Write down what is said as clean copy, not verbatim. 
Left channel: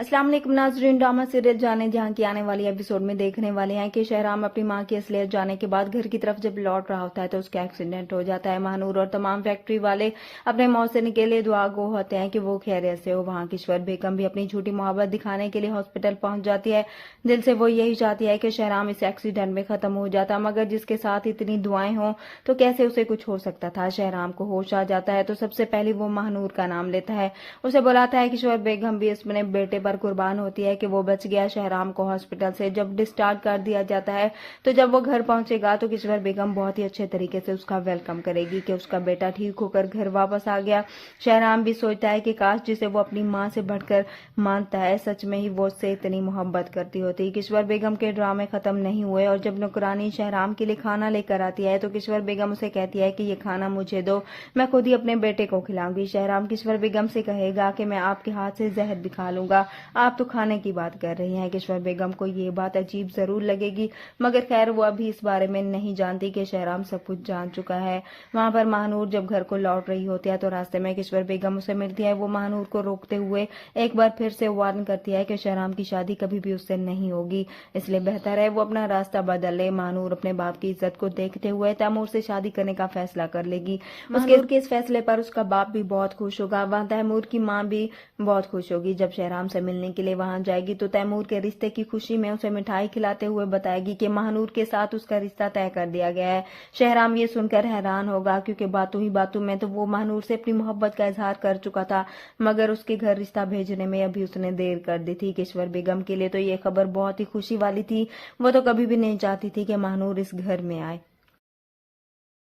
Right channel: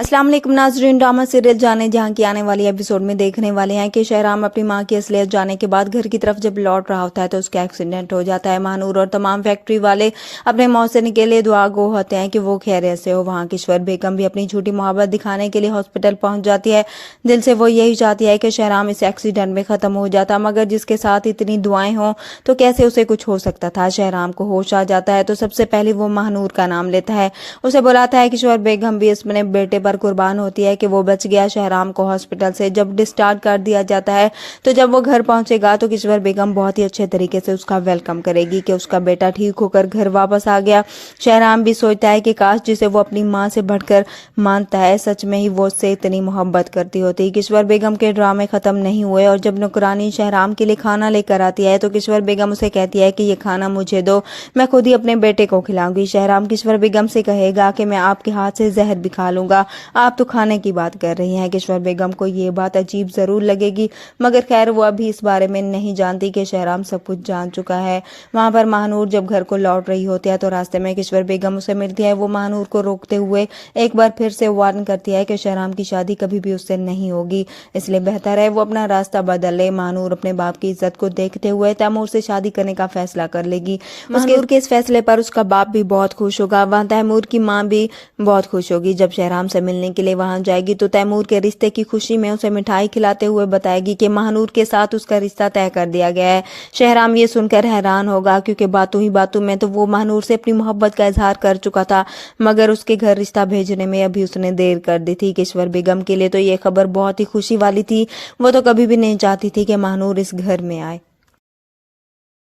अस्सलाम वालेकुम नाज़रीन, ड्रामा सीरियल जाने जहां की आने वाली एपिसोड में देखने वाले हैं कि शहराम अपनी मां की असलियत जाने के बाद घर की तरफ जब लौट रहा होता है तो उसका एक्सीडेंट हो जाता है। महानूर और तमाम फैक्ट्री वाले अपने मौसम के लिए दुआ गो होते हैं कि वो खैरियत से हो। वहां किश्वर बेगम भी अपनी झूठी मोहब्बत दिखाने के लिए हॉस्पिटल पहुंच जाती है। दिल से वो यही चाहती है कि शहराम इस एक्सीडेंट में खत्म हो जाता, मगर जिसके साथ इतनी दुआएं हों तो कैसे उसे कुछ हो सकता था। शहराम को होश आ जाता है तो सबसे पहले वो महानूर का नाम लेता है, उसे बुलाता है। किश्वर बेगम भी अपने बेटे पर कुर्बान होती है कि वो बच गया। शहराम को हॉस्पिटल से जब डिस्चार्ज कर दिया जाता है तो जब वो घर पहुंचेगा तो किश्वर बेगम बहुत ही अच्छे तरीके से उसका वेलकम करेगी कि उसका बेटा ठीक होकर घर वापस आ गया। शहराम भी सोचता है कि काश जिसे वो अपनी मां से बढ़कर मानता है सच में ही वो उससे इतनी मोहब्बत करती होती। किश्वर बेगम के ड्रामे खत्म नहीं हुए और जब नौकरानी शहराम के लिए खाना लेकर आती है तो किश्वर बेगम उसे कहती है कि ये खाना मुझे दो, मैं खुद ही अपने बेटे को खिलाऊंगी। शहराम किश्वर बेगम से कहेगा कि मैं आपके हाथ से जहर भी खा लूंगा, आप तो खाने की बात कर रही हैं। किश्वर बेगम को ये बात अजीब जरूर लगेगी, मगर खैर वो अभी इस बारे में नहीं जानती कि शहराम सब कुछ जान चुका है। वहां पर महानूर जब घर को लौट रही होती है तो रास्ते में किश्वर बेगम उसे मिलती है। वो महानूर को रोकते हुए एक बार फिर से वार्न करती है कि शहराम की शादी कभी भी उससे नहीं होगी, इसलिए बेहतर है वो अपना रास्ता बदल ले। महानूर अपने बाप की इज्जत को देखते हुए तैमूर से शादी करने का फैसला कर लेगी। महानूर के इस फैसले पर उसका बाप भी बहुत खुश होगा। वहां तैमूर की माँ भी बहुत खुश होगी। जब शहराम से मिलने के लिए वहां जाएगी तो तैमूर के रिश्ते की खुशी में उसे मिठाई खिलाते हुए बताएगी कि महानूर के साथ उसका रिश्ता तय कर दिया गया है। शहराम ये सुनकर हैरान होगा क्योंकि बातों ही बातों में तो वो महानूर से अपनी मोहब्बत का इजहार कर चुका था, मगर उसके घर रिश्ता भेजने में अभी उसने देर कर दी थी। किश्वर बेगम के लिए तो ये खबर बहुत ही खुशी वाली थी। वो तो कभी भी नहीं चाहती थी कि महानूर इस घर में आए।